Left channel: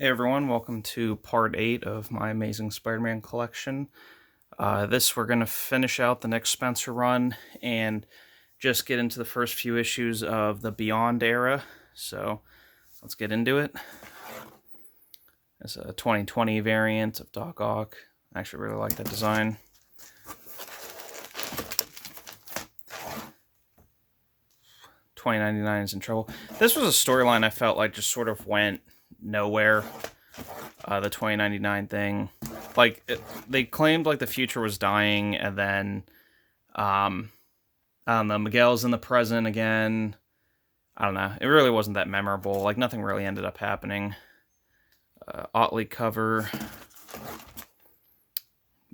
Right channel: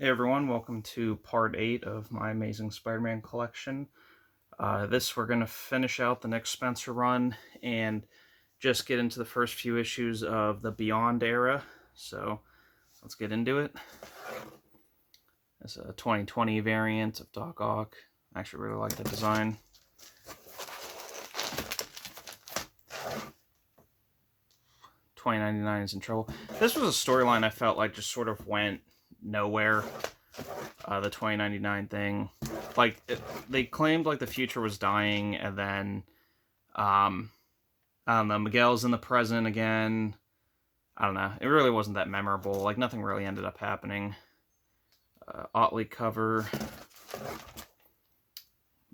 Hey everyone, welcome to part 8 of my Amazing Spider-Man collection. This we're going to finish out the next Spencer run and just get into the first few issues of the Beyond era. So let's get into it. It's a 2020 variant of Doc Ock. I actually really like the design. $20.99 is in trouble. This was a storyline I felt like just sort of went nowhere. The $20.99 thing, like they claimed like the future was dying, and then I don't know, Miguel's in the present again. I don't know. It really wasn't that memorable. Like nothing really ended up happening. Otley cover.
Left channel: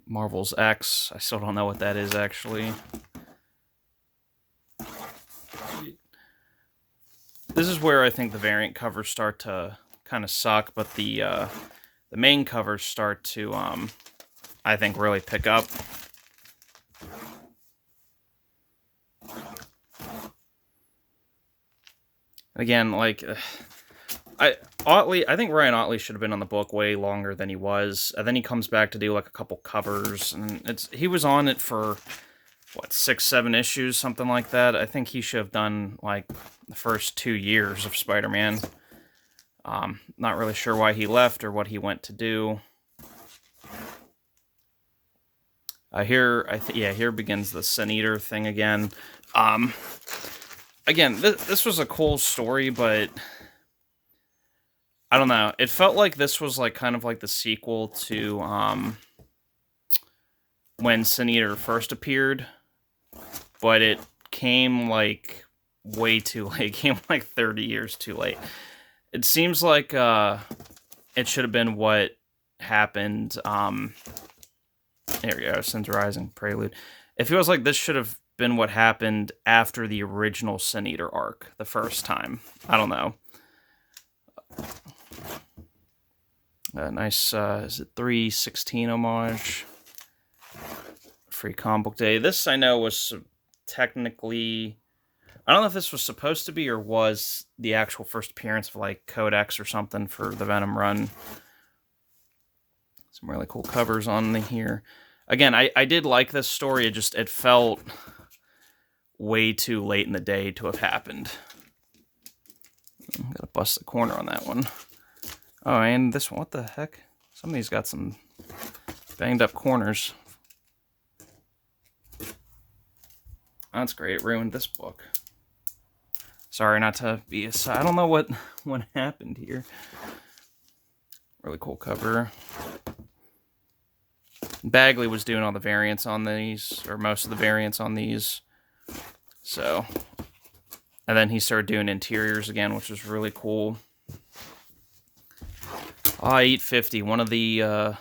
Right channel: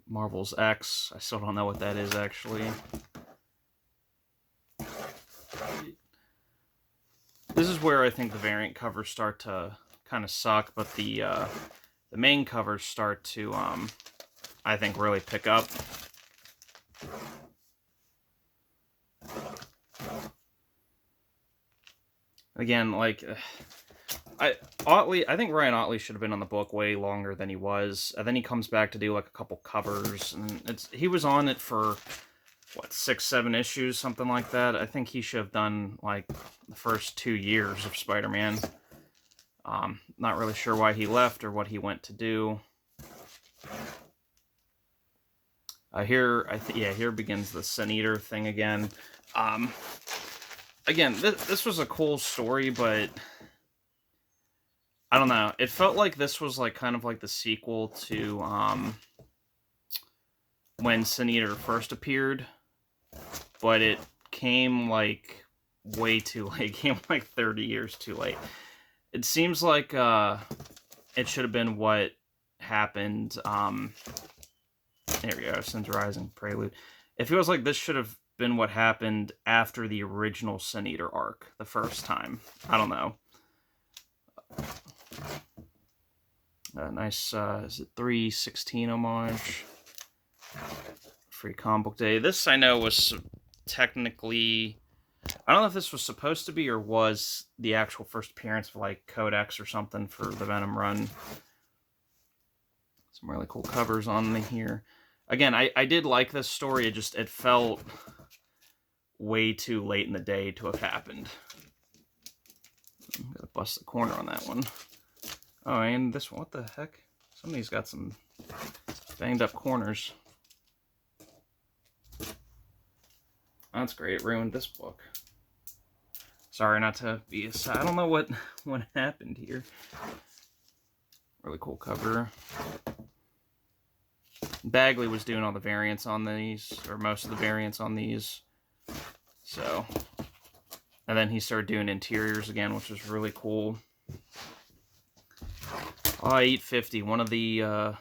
Marvel's X. I still don't know what that is actually. This is where I think the variant covers start to kind of suck, but the main covers start to I think really pick up. Again, like I think Ryan Otley should have been on the book way longer than he was. And then he comes back to do like a couple covers, and he was on it for what, 6-7 issues, something like that. I think he should have done like the first 2 years of Spider-Man. Not really sure why he left or what he went to do. Here begins the Sin Eater thing again. Again, this was a cool story, but I don't know. It felt like this was like kind of like the sequel to when Sin Eater first appeared, but it came like way too late. It came like 30 years too late. It seems like it should have been what happened. Here we go, Sin's Rising Prelude. It feels like this should have been what happened after the original Sin Eater arc the first time. I don't know. Nice, is it 316 homage? Free comic book day. This I know was technically, I don't know if this was supposed to be or was the actual first appearance of like Codex or something for the Venom run. Some really cool covers on here. Again, I did like this story. It felt way too late in the day to have happened. I'm gonna bust the corner on that one. Oh, and this one, what the heck? Somebody's got some banged up corners. That's great. It ruined this book. Sorry not to be I don't know what happened here. Really cool cover. Bagley was doing all the variants on these, or most of the variants on these. So, and then he started doing interiors again, which was really cool. I-850, one of the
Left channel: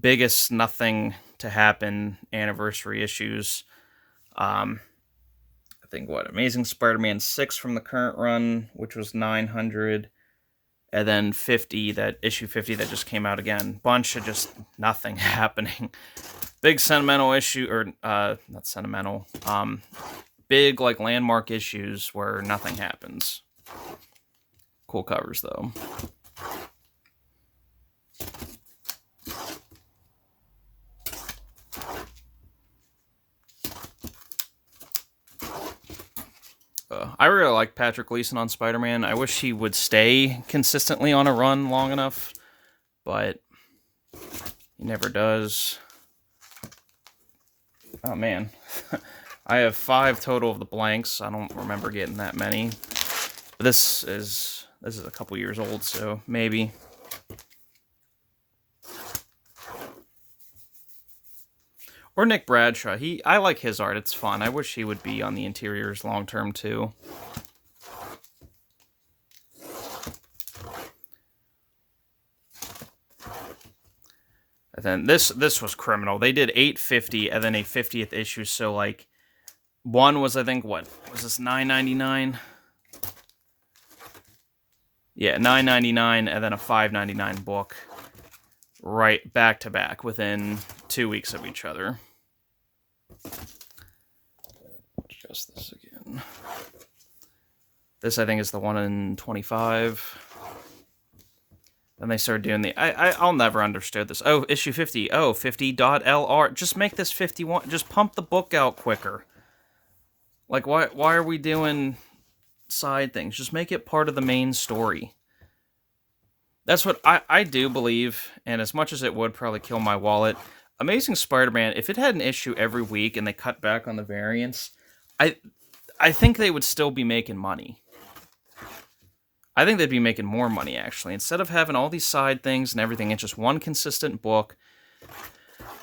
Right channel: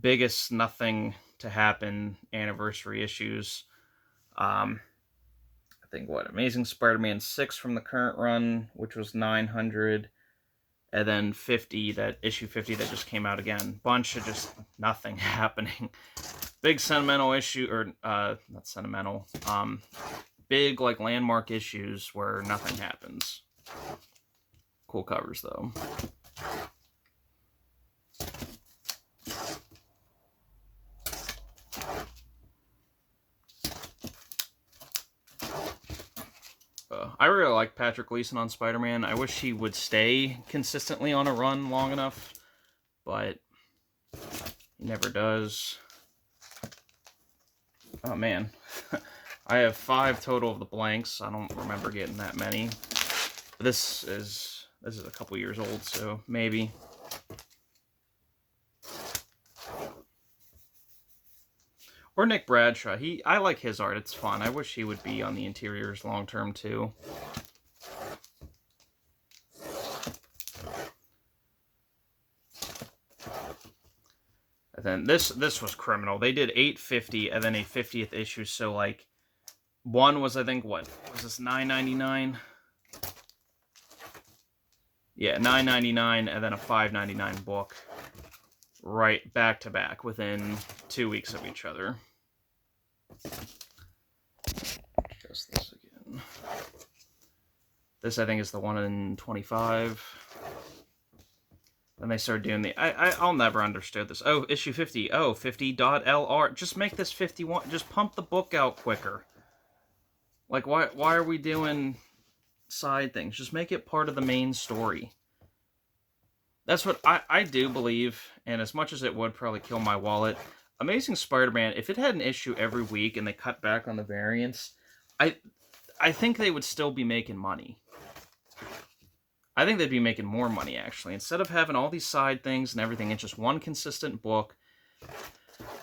biggest nothing to happen anniversary issues. I think Amazing Spider-Man 6 from the current run, which was 900, and then 50, that issue 50 that just came out again. Bunch of just nothing happening. Big sentimental issue, or not sentimental, big like landmark issues where nothing happens. Cool covers though. I really like Patrick Gleason on Spider-Man. I wish he would stay consistently on a run long enough, but he never does. Oh man, I have 5 total of the blanks. I don't remember getting that many. But this is a couple years old, so maybe. Or Nick Bradshaw. I like his art. It's fun. I wish he would be on the interiors long term too. And then this was criminal. They did 850 and then a 50th issue. So like one was, I think, what was this, $9.99? Yeah, $9.99 and then a $5.99 book. Right back to back within 2 weeks of each other. Just this again. This I think is the one in 25. Then they started doing the... I'll never understood this. Oh, issue 50. Oh, 50.LR. Just make this 51. Just pump the book out quicker. Like, why are we doing side things? Just make it part of the main story. That's what I do believe, and as much as it would probably kill my wallet, Amazing Spider-Man, if it had an issue every week and they cut back on the variants, I think they would still be making money. I think they'd be making more money, actually. Instead of having all these side things and everything, it's just one consistent book.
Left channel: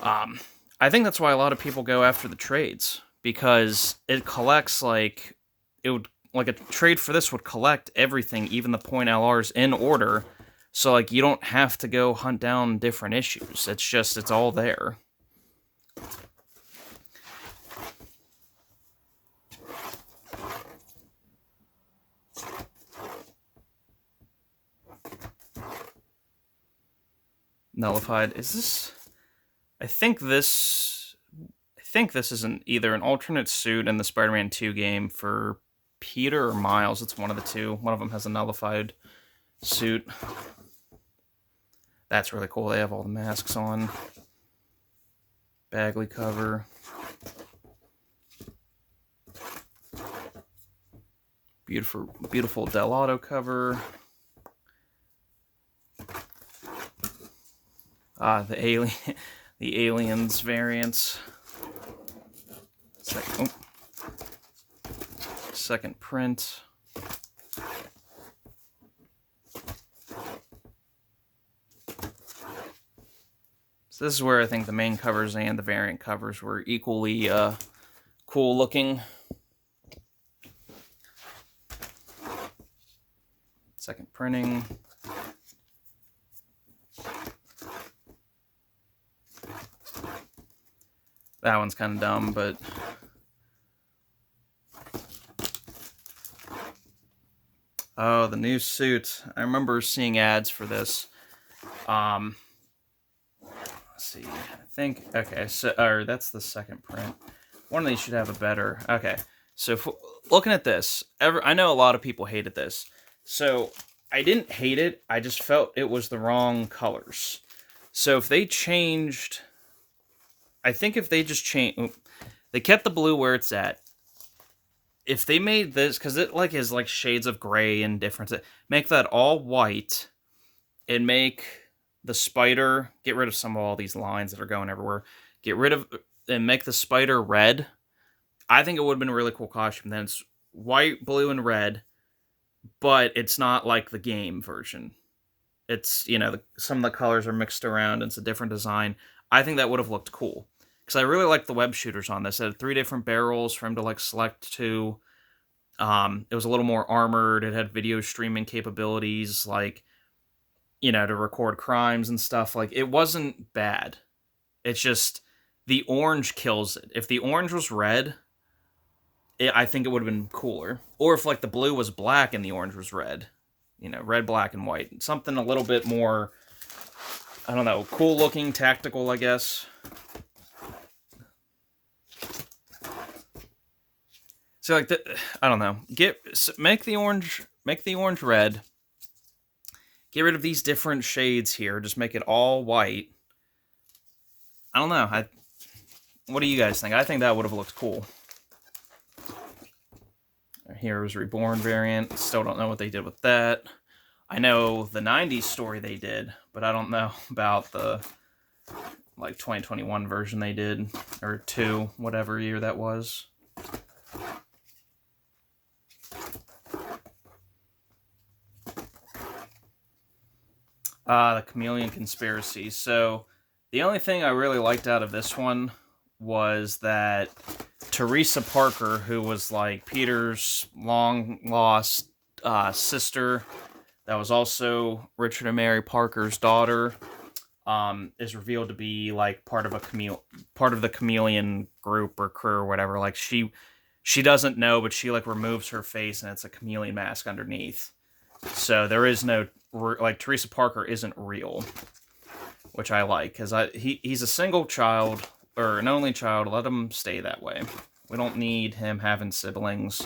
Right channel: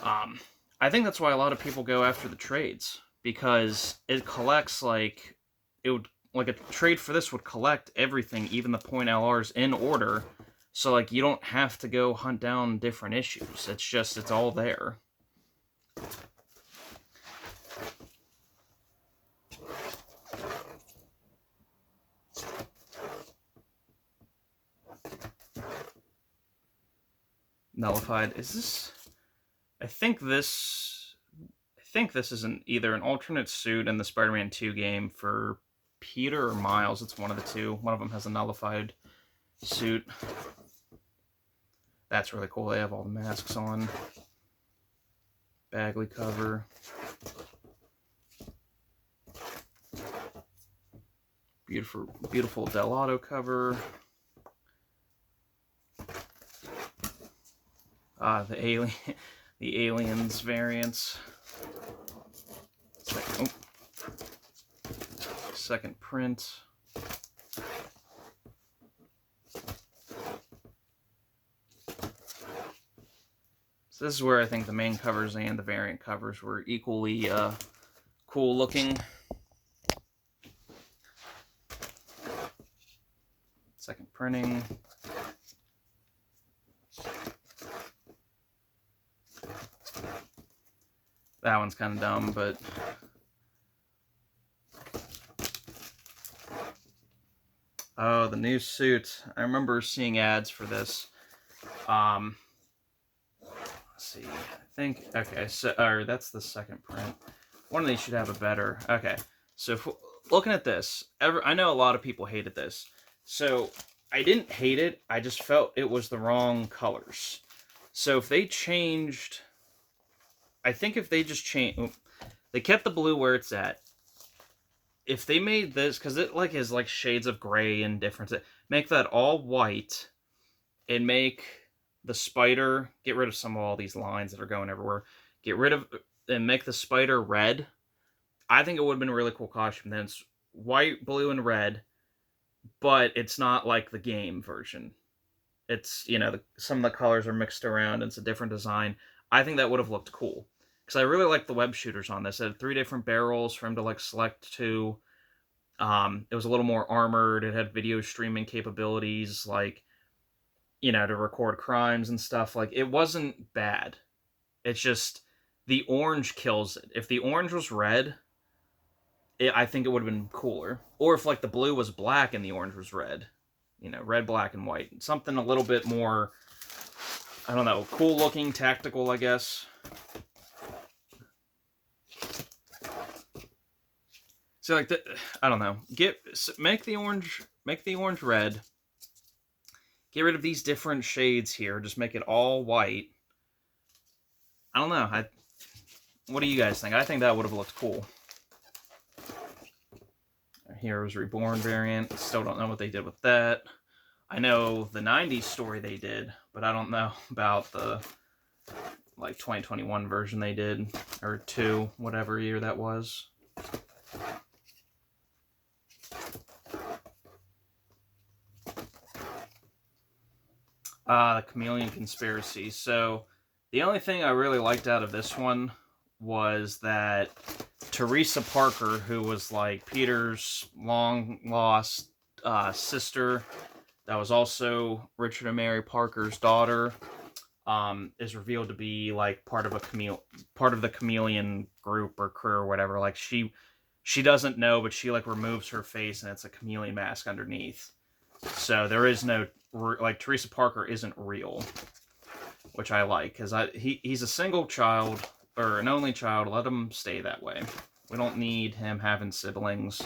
I think that's why a lot of people go after the trades, because it collects, like, it would, like, a trade for this would collect everything, even the point LRs, in order, so, like, you don't have to go hunt down different issues. It's just, it's all there. Nullified. Is this... I think this is either an alternate suit in the Spider-Man 2 game for Peter or Miles. It's one of the two. One of them has a nullified suit. That's really cool. They have all the masks on. Bagley cover. Beautiful Del Auto cover. The aliens variants. Second print. So this is where I think the main covers and the variant covers were equally cool looking. Second printing. That one's kind of dumb, but... Oh, the new suit. I remember seeing ads for this. Let's see. I think... Okay, so... Or that's the second print. One of these should have a better... Okay, so looking at this, I know a lot of people hated this. So, I didn't hate it. I just felt it was the wrong colors. So, if they changed... I think if they just they kept the blue where it's at. If they made this, because it like is like shades of gray and different, make that all white, and make the spider, get rid of some of all these lines that are going everywhere, and make the spider red. I think it would have been a really cool costume. Then it's white, blue, and red, but it's not like the game version. It's, you know, some of the colors are mixed around, and it's a different design. I think that would have looked cool. Because I really like the web shooters on this. It had 3 different barrels for him to, like, select to. It was a little more armored. It had video streaming capabilities, like, you know, to record crimes and stuff. Like, it wasn't bad. It's just, the orange kills it. If the orange was red, I think it would have been cooler. Or if, like, the blue was black and the orange was red. You know, red, black, and white. Something a little bit more... I don't know, cool looking, tactical, I guess. So like I don't know. Make the orange red. Get rid of these different shades here. Just make it all white. I don't know. What do you guys think? I think that would have looked cool. Heroes Reborn variant. Still don't know what they did with that. I know the 90s story they did, but I don't know about the, like, 2021 version they did, or 2, whatever year that was. The Chameleon Conspiracy. So, the only thing I really liked out of this one was that Teresa Parker, who was, like, Peter's long-lost sister... that was also Richard and Mary Parker's daughter, is revealed to be like part of the Chameleon group or crew or whatever. Like she doesn't know, but she like removes her face and it's a chameleon mask underneath. So there is no like Teresa Parker isn't real, which I like because he's a single child or an only child. Let him stay that way. We don't need him having siblings.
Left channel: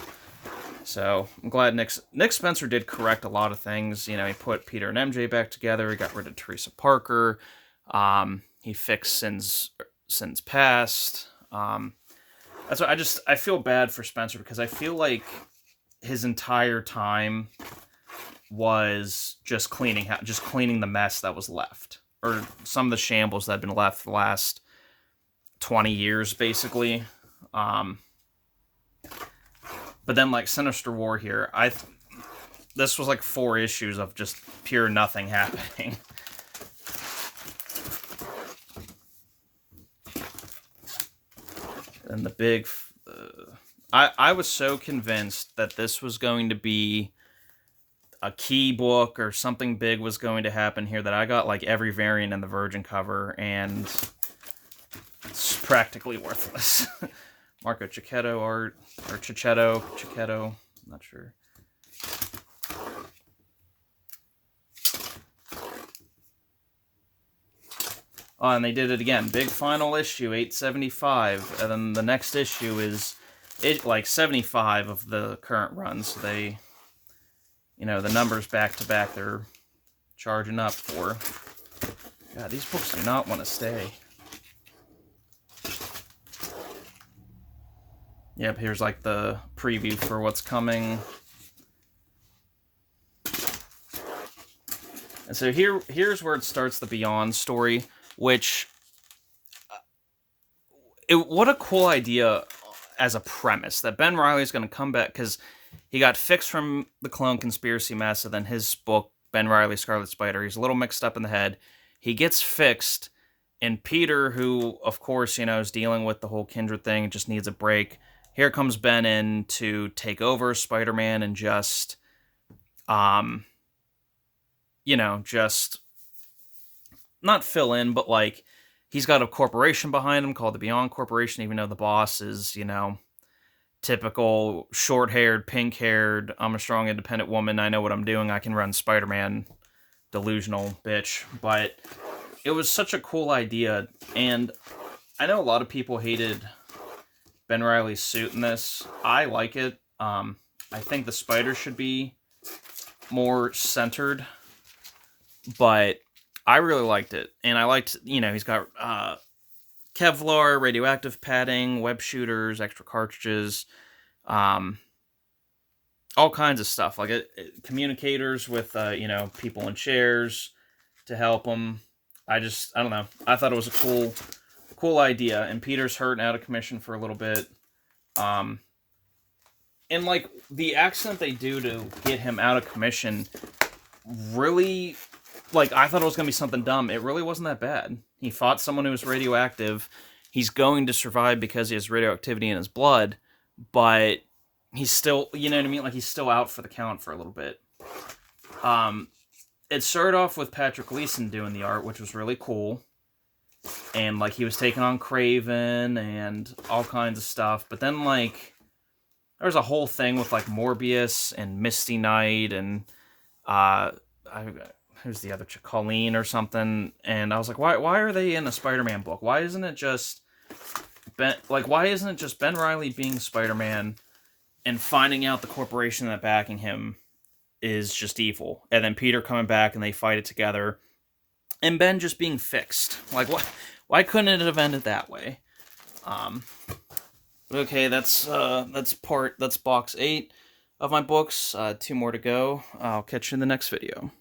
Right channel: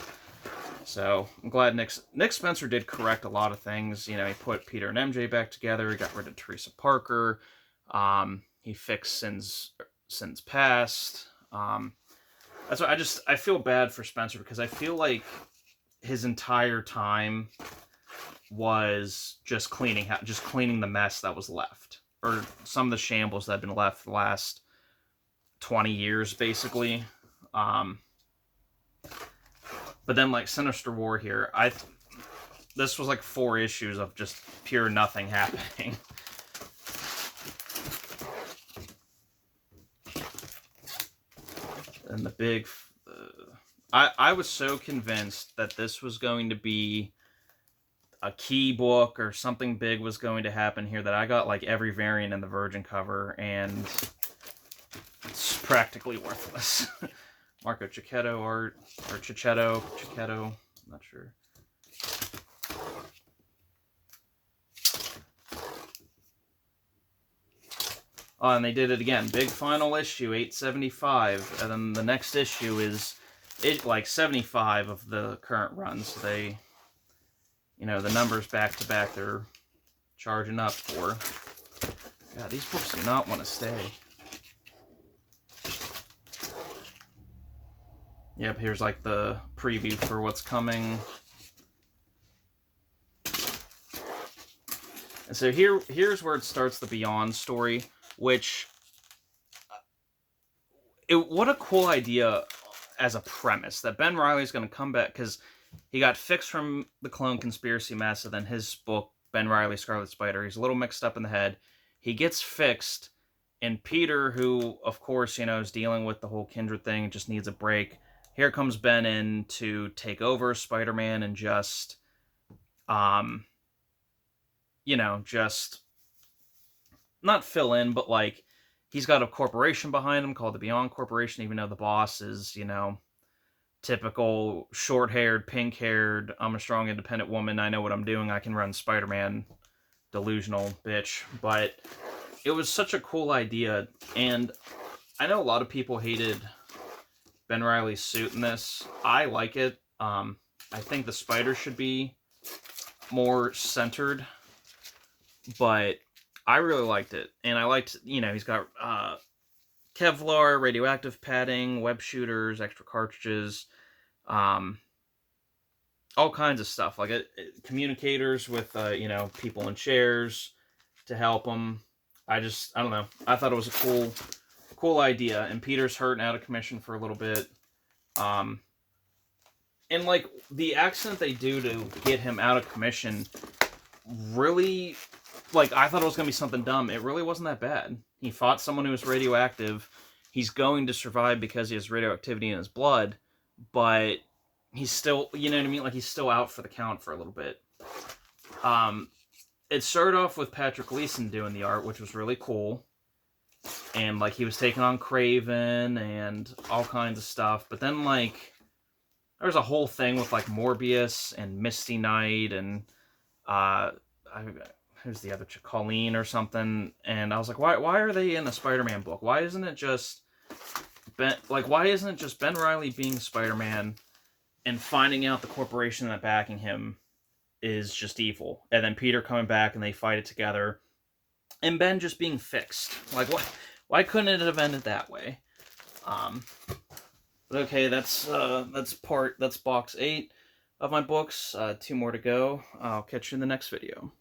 So I'm glad Nick Spencer did correct a lot of things. You know, he put Peter and MJ back together. He got rid of Teresa Parker. He fixed Sins Past. That's what I feel bad for Spencer, because I feel like his entire time was just cleaning the mess that was left, or some of the shambles that had been left the last 20 years, basically. But then, like, Sinister War here, this was like 4 issues of just pure nothing happening. And the big... I was so convinced that this was going to be a key book, or something big was going to happen here, that I got like every variant in the Virgin cover, and it's practically worthless. Marco Cicchetto art, or Cicchetto, I'm not sure. Oh, and they did it again. Big final issue, 875, and then the next issue is like 75 of the current run. So they, you know, the numbers back to back, they're charging up for. God, these books do not want to stay. Yep, here's like the preview for what's coming. And so here's where it starts the Beyond story, which, what a cool idea as a premise, that Ben Reilly's going to come back, because he got fixed from the clone conspiracy mess, and then his book, Ben Reilly, Scarlet Spider, he's a little mixed up in the head. He gets fixed, and Peter, who, of course, you know, is dealing with the whole Kindred thing, just needs a break. Here comes Ben in to take over Spider-Man and just, you know, just not fill in, but like, he's got a corporation behind him called the Beyond Corporation, even though the boss is, you know, typical short-haired, pink-haired, I'm a strong, independent woman, I know what I'm doing, I can run Spider-Man, delusional bitch. But it was such a cool idea, and I know a lot of people hated Ben Reilly's suit in this. I like it. I think the spider should be more centered, but I really liked it. And I liked, you know, he's got Kevlar, radioactive padding, web shooters, extra cartridges, all kinds of stuff. Like communicators with, you know, people in chairs to help them. I don't know. I thought it was a cool idea. And Peter's hurt and out of commission for a little bit. And like the accent they do to get him out of commission, really, like, I thought it was going to be something dumb. It really wasn't that bad. He fought someone who was radioactive. He's going to survive because he has radioactivity in his blood, but he's still, you know what I mean? Like, he's still out for the count for a little bit. It started off with Patrick Gleason doing the art, which was really cool. And, like, he was taking on Kraven and all kinds of stuff. But then, like, there's a whole thing with, like, Morbius and Misty Knight and, who's the other chick? Colleen or something. And I was like, why are they in a Spider-Man book? Why isn't it just Ben Reilly being Spider-Man and finding out the corporation that backing him is just evil, and then Peter coming back and they fight it together, and Ben just being fixed? Like, why couldn't it have ended that way? Okay, that's box 8 of my books. 2 more to go. I'll catch you in the next video.